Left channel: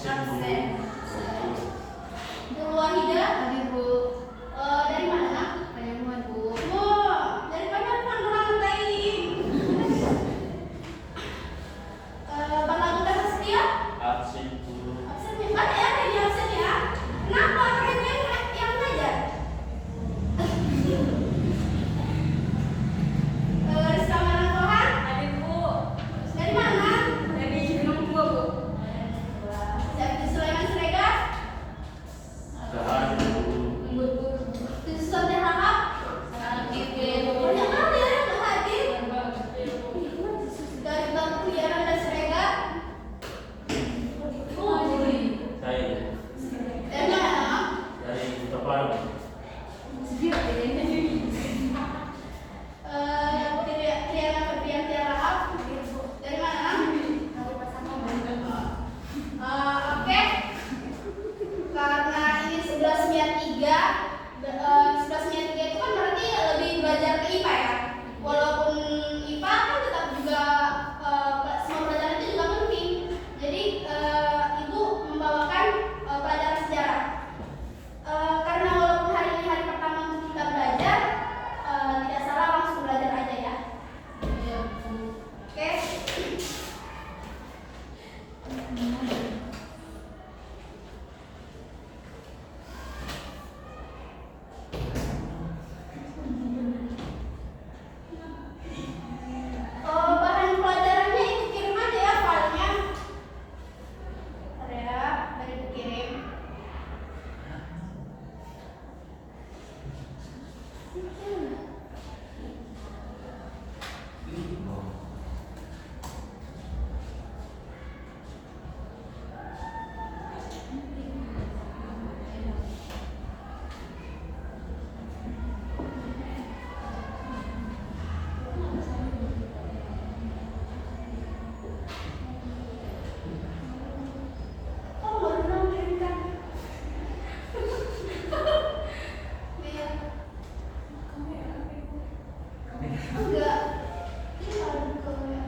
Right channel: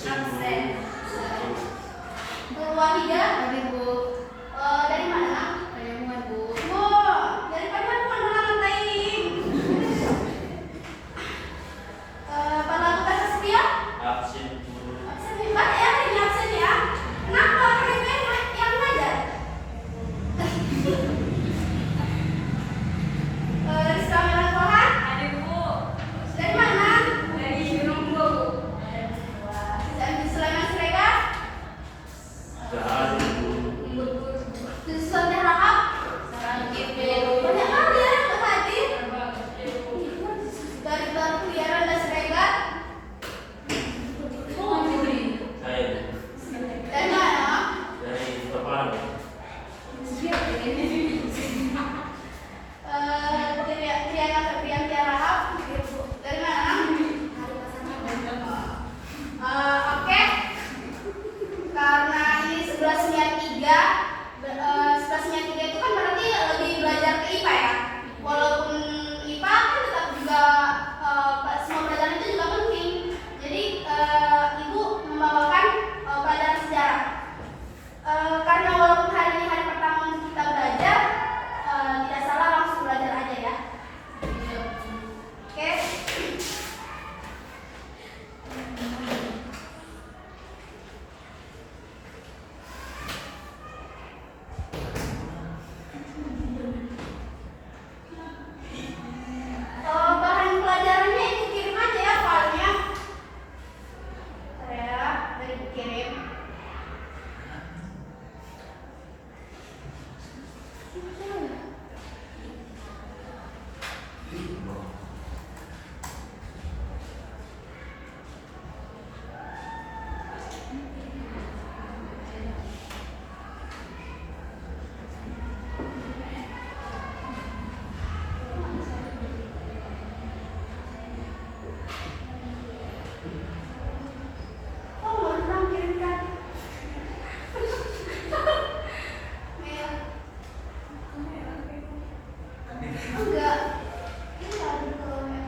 Absen. Bu Wahida. Hadir Bu. Dari mana? Dari Muhammad Bu. Wah, dari mana orang baik. Bapak Bukan Setia? Absen Bu. Absen hebat ya, ini absen ya. Kenapa orang itu yang ngajar? Rizka Melantohan? Hadir Bu. Dari mana? Dari Gunung Bu. Saya Sulaiman Siregar. Sudah hadir Bu. Suster Rahab. Banyak kali ya yang hadir. Dari Batu Kliaran dan Siregar. Saya Dari mana? dari Tepang. Triana Febrianti Rahab. Dari mana? Oke. Karena ini 1193, 1193 itu kan berarti lebih belajar ke IPA ya. Walaupun IPA kan tetap juga semua pelajaran itu juga penting. Jadi Ibu membawakan pelajaran sejarah. Karena walaupun hari ini hari pertama untuk kita belajar, tidak salah langsung belajar aja ya. Oke. Bahan pelajarannya Ibu kirim aja ya filenya. Bentar ya, dari Ibu kirim. Oh, nggak pernah kirimkan. Merah. Enggak. Ini ada kolomnya.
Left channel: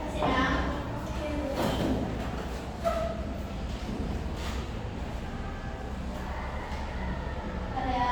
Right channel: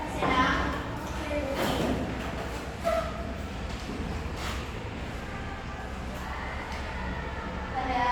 Kasih ya. Bentar ya.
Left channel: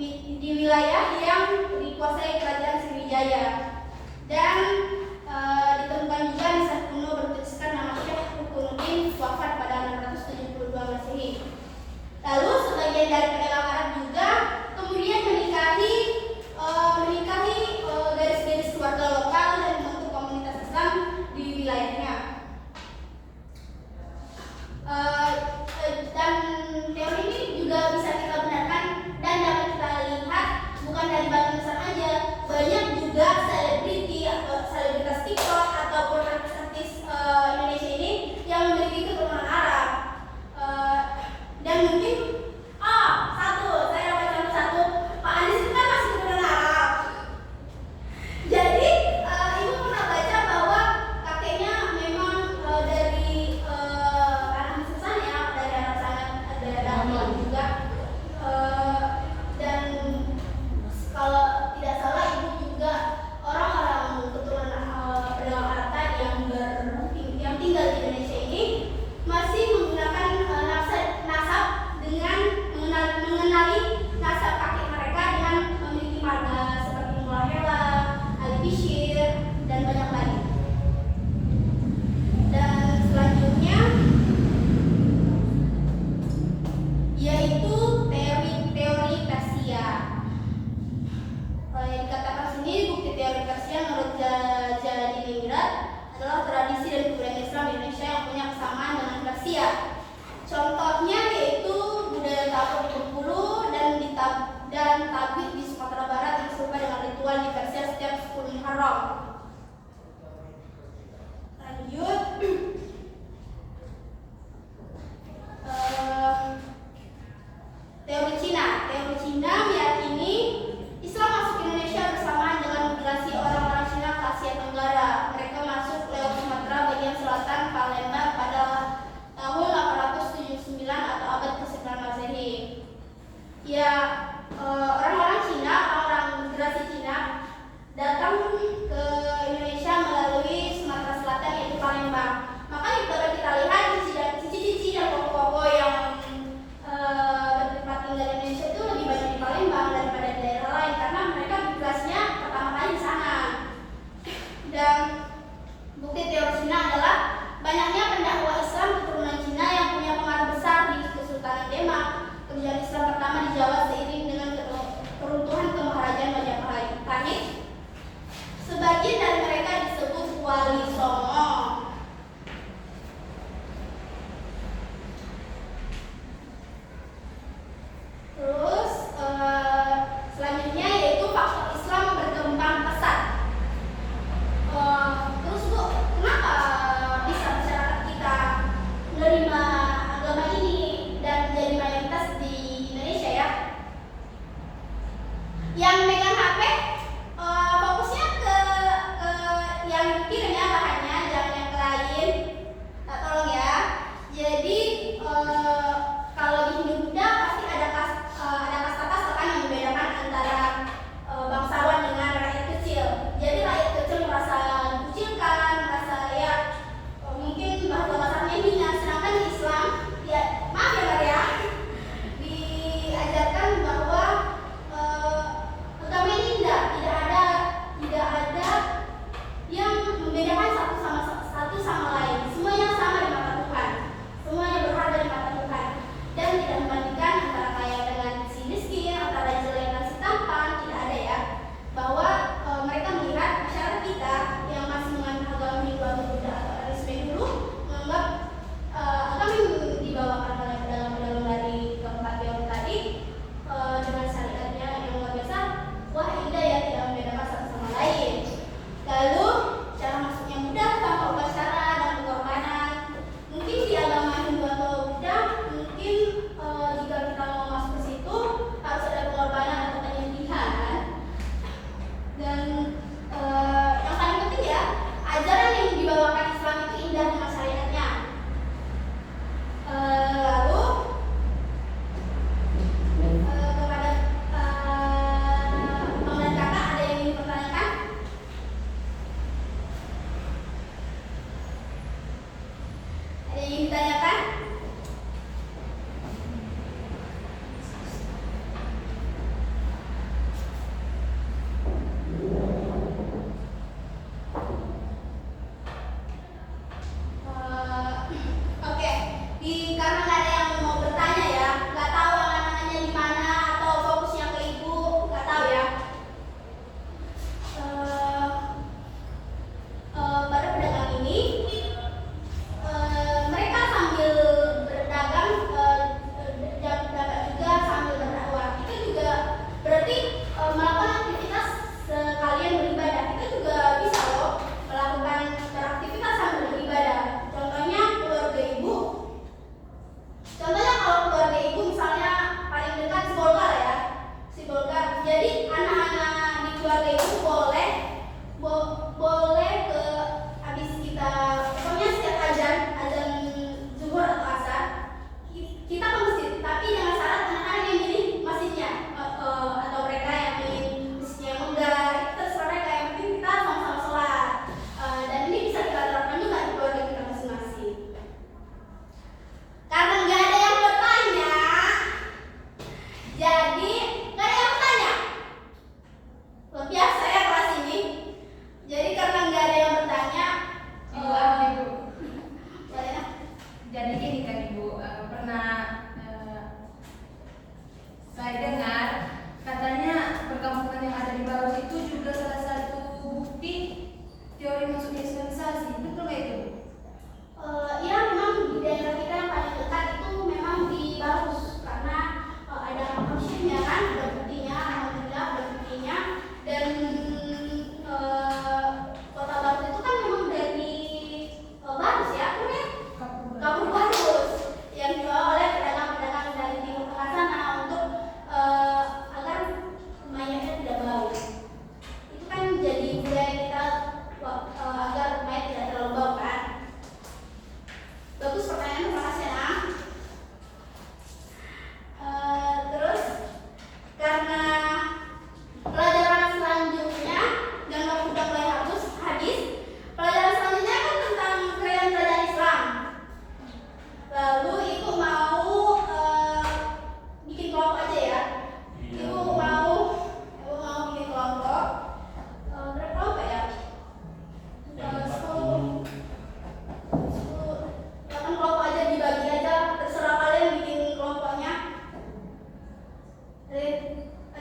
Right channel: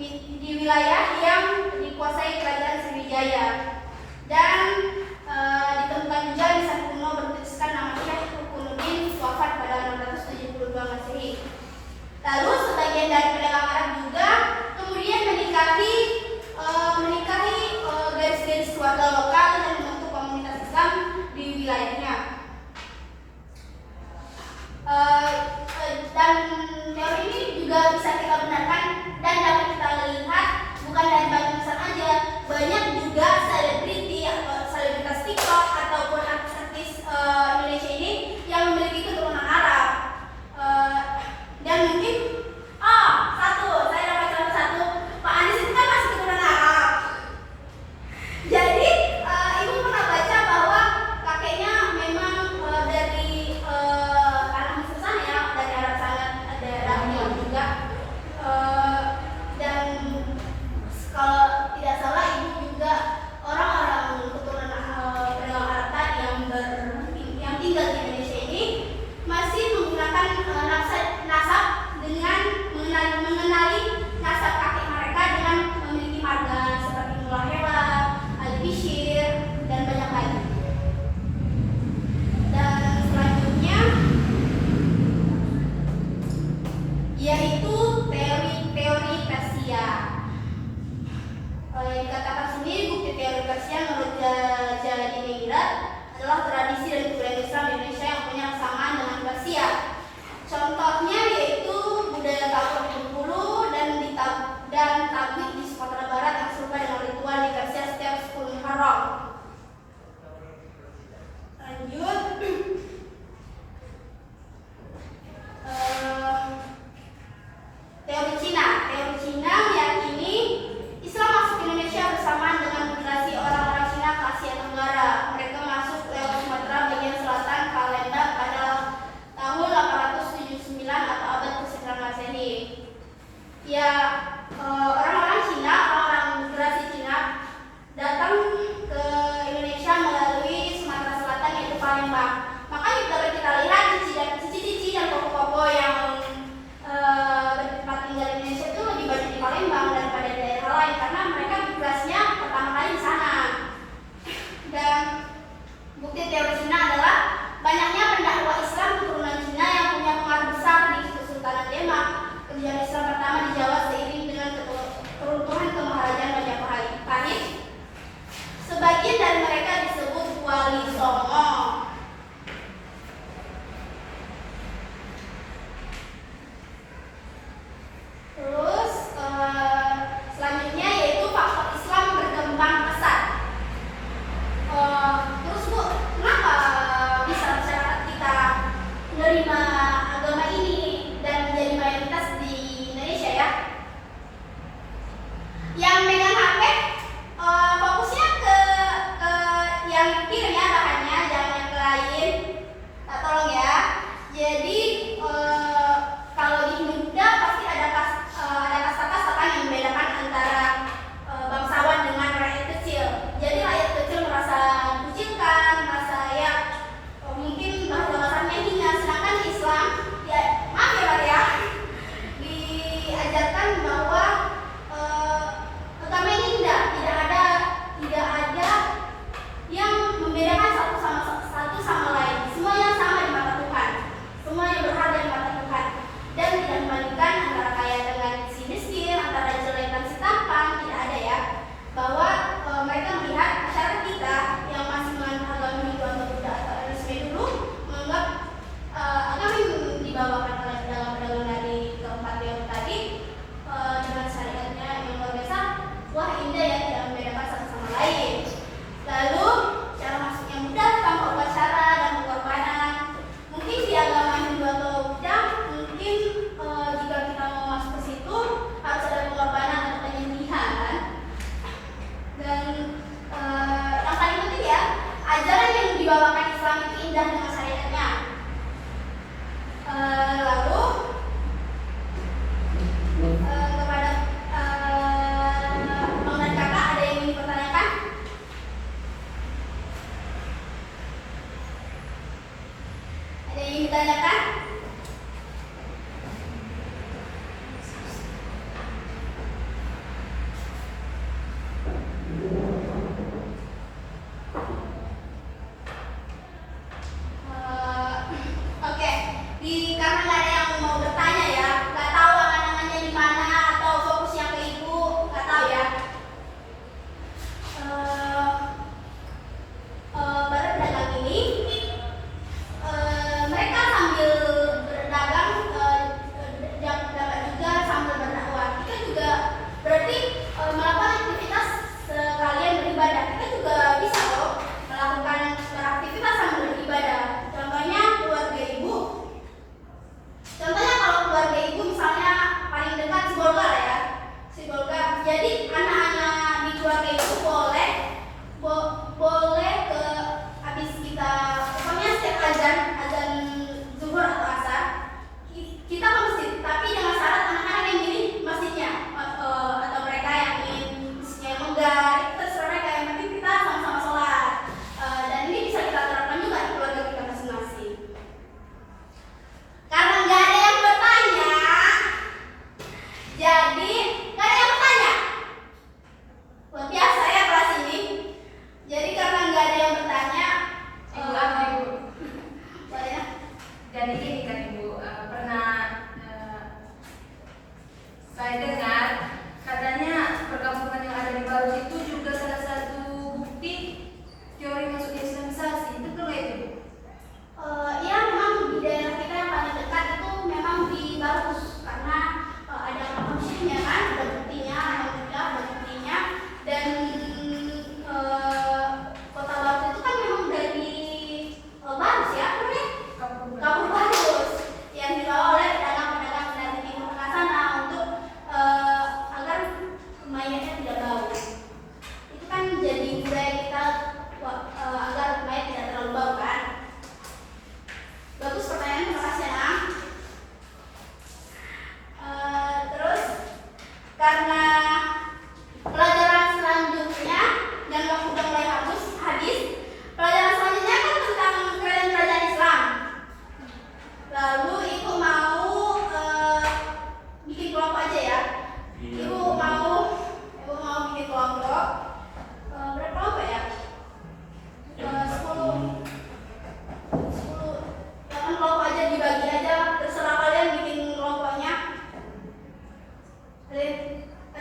di wilayah yang dikuasai kerajaan Sriwijaya. Dan ditemukan juga nisan kuno bertuliskan nama Syekh Rukunuddin wafat pada 672 Masehi. Lalu sebagian dari pedagang Arab juga kemudian menikahi garis-garis keluarga lokal dan membentuk komunitas Islam di wilayahnya. Dan teori ini juga bisa kita benarkan dan dapat kita lihat bukan dari Bank Indonesia aja, banyak juga selebriti atau selebritas TikTok ataupun artis-artis Indonesia ini yang memiliki keturunan Arab. Dan mungkin saya dapat contoh satu, Pak Anies itu kan masih keturunan Arab. Jadi ibu pernah baca bahwa kakeknya memang dari anak Mususan ya, dari Arab sana, daerah Yaman juga. Dan kalau tidak salah ibu juga orang-orang keturunan pedagang Arab tadi yang tinggal di Indonesia ini masih menggunakan nasab dengan mengenali nasab kakek mereka dengan memiliki marga seperti Mullah Hela, Ali Bishir, dan banyak lagi. Dan selanjutnya yaitu teori Persia. Yang dikatakan sini bukti teori Persia menurut Jalaladdin Emirat adalah tradisi dan kebudayaan Islam di Indonesia yang punya kesamaan dengan Persia. Contohnya yaitu budaya ta'awun di Bengkulu dan tablik di Sumatera Barat yang serupa dengan ritual di Persia setiap 10 Muharram. Lanjut. Teori Cina meyakini Islam masuk ke Indonesia bersamaan dengan migrasi orang-orang Cina ke Asia Tenggara. Mereka masuk lewat Sumatera bagian selatan Palembang pada tahun 879 atau abad ke-9 Masehi. Ya, orang-orang Cina, orang-orang migrasi Cina datang ke Indonesia melalui Sumatera Selatan yaitu Palembang. Makanya kalau kita lihat cici-cici dan koko-koko yang bertempat tinggal di Indonesia itu lebih banyak di Palembang daripada di daerah lain karena mereka migrasinya pertama kali di sana. Dan bukti teori Cina adalah banyaknya pendakwah Islam keturunan Cina yang punya pengaruh besar di Kesultanan Demak. Kebijakan Islam pertama di Jawa seiring dengan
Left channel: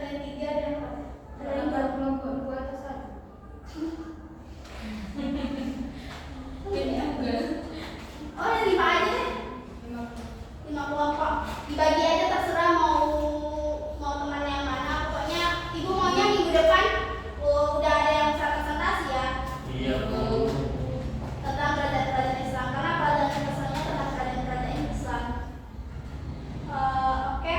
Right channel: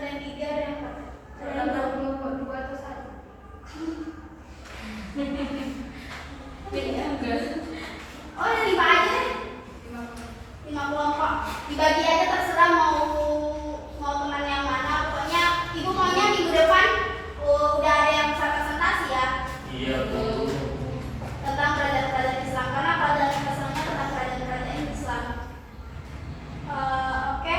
yang 3 ada yang 4. Ada yang Ada berapa? kelompok 2 atau 1? Kayaknya enggak. Oh, ada 5 aja deh. 5 kelompok. Dibagi aja terserah mau teman yang mana. Pokoknya ibu maunya minggu depan udah ada yang presentasi ya Iya, Bu. tentang kerajaan-kerajaan Islam, karena pelajaran Islamnya tentang kerajaan-kerajaan Islam. Oke.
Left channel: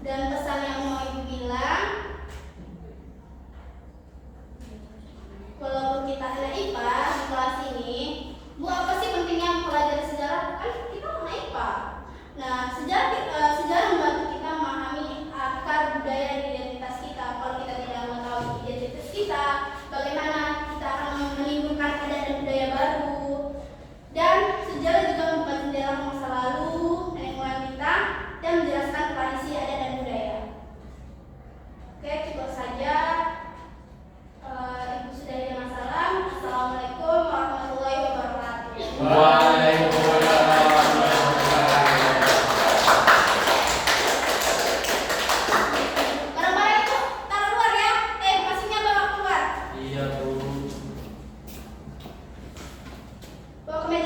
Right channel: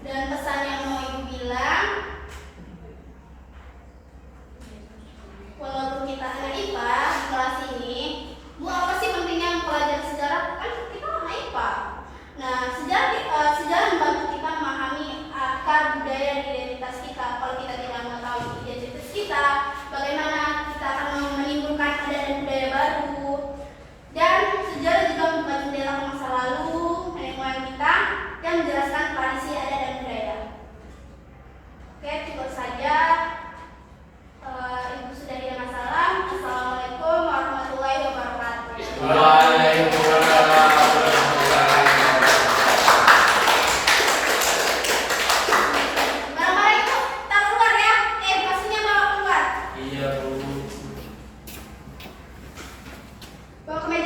Dan pesan yang mau ibu bilang, walaupun kita anak IPA di kelas ini, Bu, apa sih pentingnya mempelajari sejarah? Kan kita anak IPA. Nah, sejarah membantu kita memahami akar budaya dan identitas kita. Kalau kita tidak mengetahui identitas kita, bagaimana kita akan menimbulkan adat dan budaya baru. Dan sejarah juga membuka jendela ke masa lalu nenek moyang kita dan menjelaskan tradisi adat dan budaya. Oke, cukup saja. Ibu Sudari dengan salam. Assalamualaikum warahmatullahi wabarakatuh. Waalaikumsalam warahmatullahi wabarakatuh. Barang-barang itu taruh keluar ya. Pastinya bawa keluar. Iya, Bu. Bawa ke meja.